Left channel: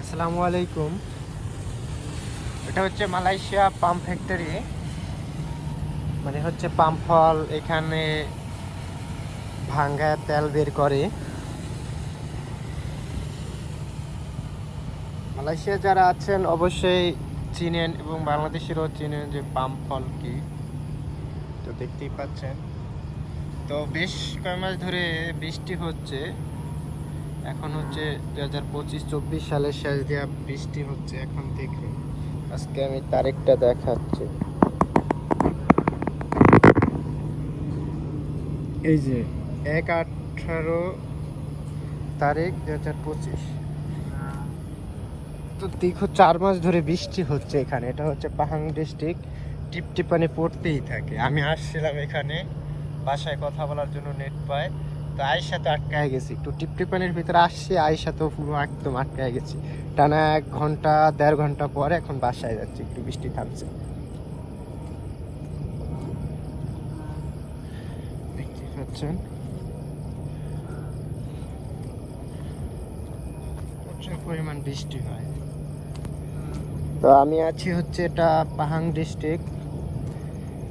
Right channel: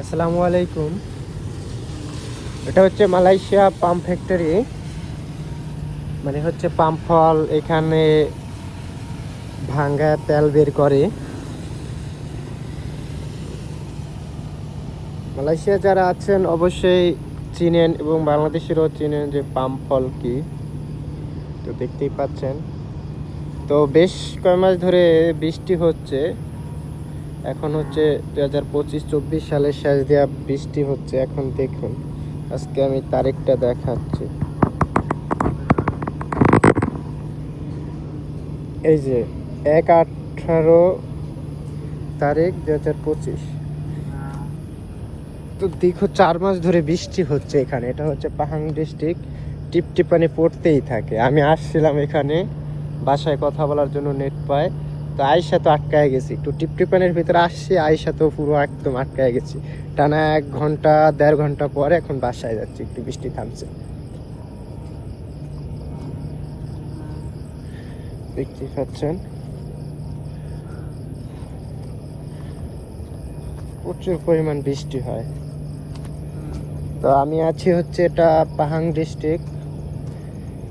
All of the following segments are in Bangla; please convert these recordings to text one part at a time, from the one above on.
আসসালামু আলাইকুম। এটা হচ্ছে মালয়েশিয়া পাম্প ফ্যাক্টরি। মানে হচ্ছে পাম্প ফল এখানে ভাঙ্গা তেল বের করে। মালয়েশিয়া যারা আছেন, অবশ্যই চিনেন এবং বাংলাদেশেরও চিনেন যে পাম্প ফল কি। তো দেখতেই পাচ্ছেন। তো বেশ কয় মাস ধরে বৃষ্টি হচ্ছে। এখন হচ্ছে দু হাজার পঁচিশ, চব্বিশ সালের শেষ দেওয়া বৃষ্টি হচ্ছে, এখন দেখুন। আজকে আমি তারিখটা দেখাচ্ছি। এই যে এক আঠারো তারিখ দু হাজার পঁচিশ। তো দীর্ঘ চার মাস ধরে বৃষ্টি হচ্ছে এখানে, এটা হচ্ছে পাহাড় ডিস্ট্রিক্ট, টিপটিপানি পড়তেই থাকে। আমি আসছিলাম এখানে, বাসায় কথা বলার জন্য নেট পায়। তো আয়সা তো আটকায় গেছি। একটু টিপটিপানের ভিতরে আসছি আয়সা তো পুরো একদম আটকায় গেছি। টানা এক ঘণ্টা, দেড় ঘণ্টা পরে এখন বাসায় যাচ্ছি, একটু বৃষ্টি থামছে। দেখতে পাচ্ছেন। প্রচুর পরিমাণ বৃষ্টি হয়। তো আমি আছি হচ্ছে এটা Pahang district,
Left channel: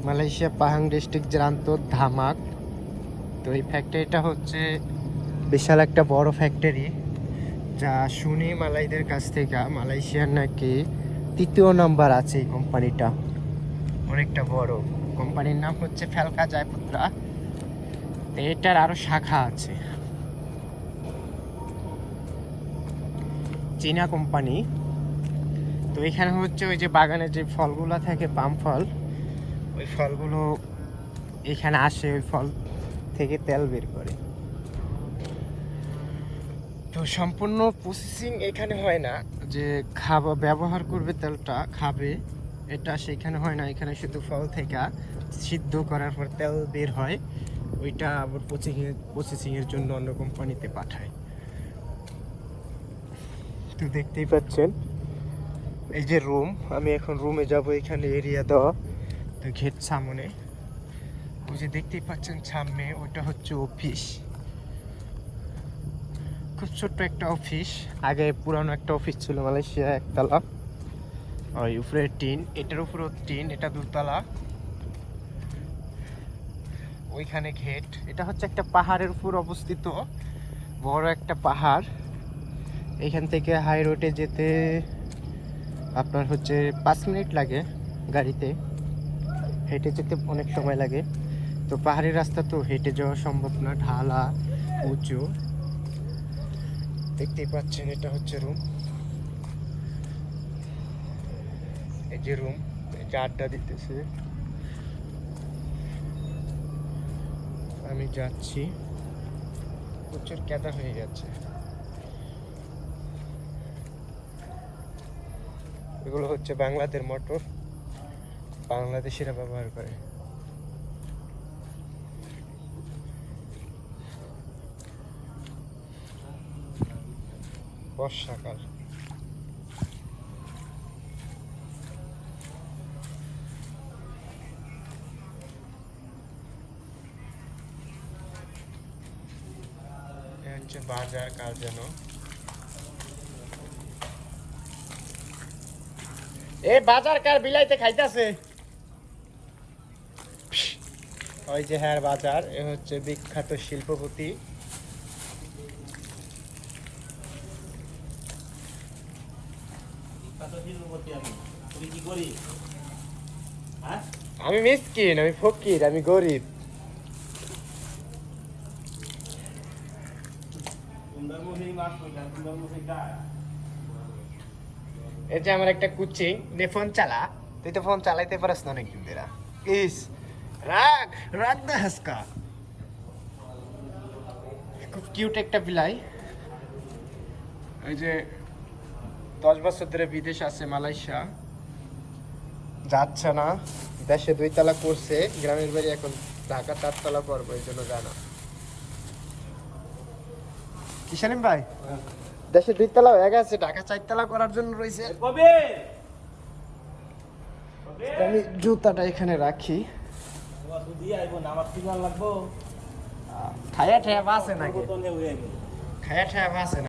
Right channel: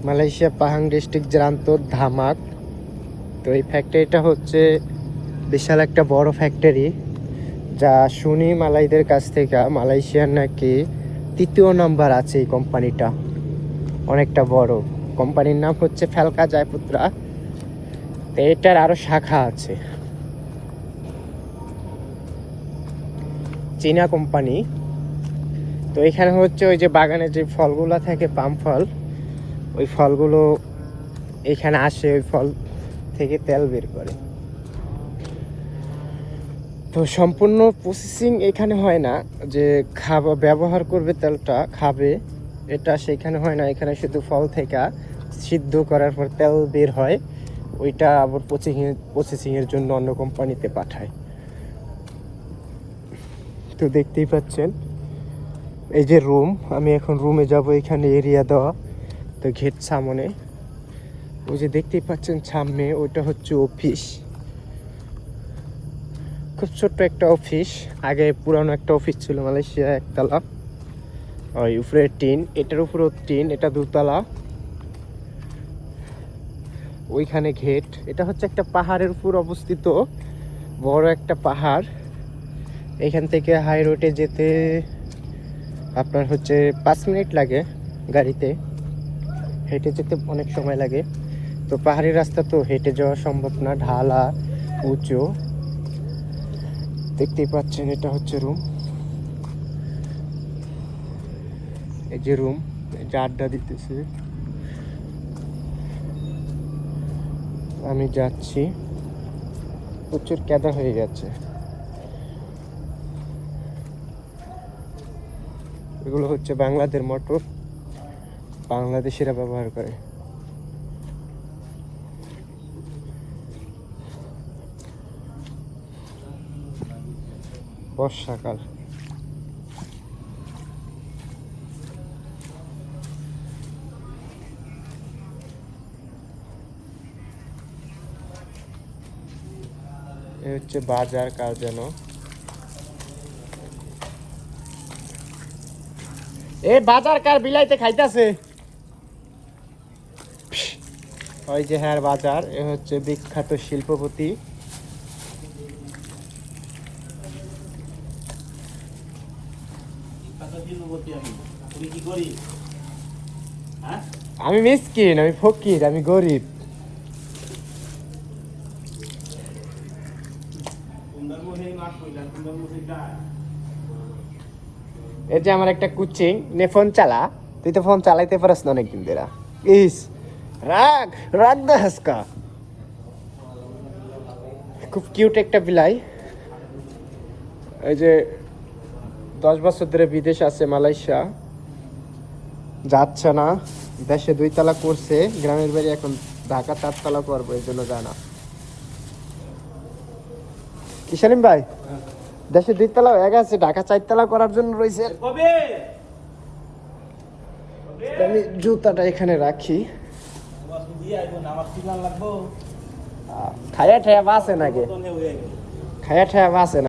Malaysia Pahang district জান্তর ধামাক। তো এই ফ্যাক্টরিটা হচ্ছে বিশাল একটা বড় ফ্যাক্টরি যা শুনি মালাইদের কাছ থেকে, মালয়েশিয়ার নাকি তৃতীয় নাম্বার আছে এই কোম্পানিটা অনেকটা বড়। কোম্পানির নাম হচ্ছে ফ্যালকা জয়পুত্রা। তো এটার আরও শাখা আছে। চীনা কোম্পানি তো এখানে হচ্ছে ওই যে বাগানে যে ফলগুলো থাকে, পাম ফল, ওই ফলগুলো এখানে আসে। ওই ফল থেকে তেল বের করে। তো সম্পূর্ণ প্রসেসিং এখানে হয় না, যে খাব, ব্যবহার করবে তেলটা, খাবে, এটা সেখানে হয় না, এখানে শুধু ফল থেকে সিদ্ধ করার পর তেল বের হয়, ওইটা আবার প্রসেসিং প্রসেসিংয়ের জন্য অন্য কোম্পানিতে পাঠায়। তো দেখতেই পাচ্ছেন, এই যে রুম আমি এখন রুমে যাব, এখানে এরিয়া দেওয়া, তো ঘেট সামনে। ওই যে দেখতেই পাচ্ছেন সামনে, ওইটা হচ্ছে অফিস খুব ছোট্ট একটা অফিস আগে পুরানো একটা অফিস ছিল মালয়েশিয়া একতলা। ওই উপরে টিন, এটার উপরেও টিন, এটা দুতলা। ওইখানে ঘেট। এটা হচ্ছে একটা পাহাড়ের উপর অবস্থিত। বড় একটা পাহাড়। এখান থেকে হাই রোডে যেতে আপনার হচ্ছে পাঁচ মিনিট লাগে গাড়িতে। হেঁটে যেতে অনেক সময় লাগে। তো পাহাড়ি রাস্তা তো হেঁটে যাওয়া সম্ভব না, ঢালা উঁচু। দেখতেই পাচ্ছেন, এটা হচ্ছে রুম এই যে রুম এই যে আড্ডা দিতেছে। আমি যাচ্ছি। প্রচুর কেদা হয়ে গেছে। এগুলো হচ্ছে বাংলাদেশ মোটর বাংলাদেশিরা ব্যবহার করে। বর্ষাকাল। এ হচ্ছে বাজার কার যেন। এ বাজার কার বিলাইতে খাইতাছে। ওই যে হ্যাঁ বাজার, এ হচ্ছে বিখ্যাত শিল্পপতি আমি? মিসকিন আমি ফকির আমি গরিব। এই যে আমার একটা কুচিং নে ফোন চালা। তুই তো ফোন চালাইতে পারস না অনেকদিন ধরে। ইস রাগ রাগ না হাসকা? খুব কিউট একটা বিলাই। এই যে দশ বছর ধরে বিদেশ আছে, মালয়েশিয়া। যাচ্ছে না। দেশে দুই তালা করছে, গ্রামের বাড়ি এখন ঢাকা চারতলা করবে, এই জন্য যায় না। কি ভাই, দেশে দুই তালা হয়ে গেছে, ঢাকা চারতলা করার জন্য রয়েছে। আমি জুতাটা এখানে রাখি। খায়া ঠায়া বাসে নাকি? খায়া ঠায়া বাসে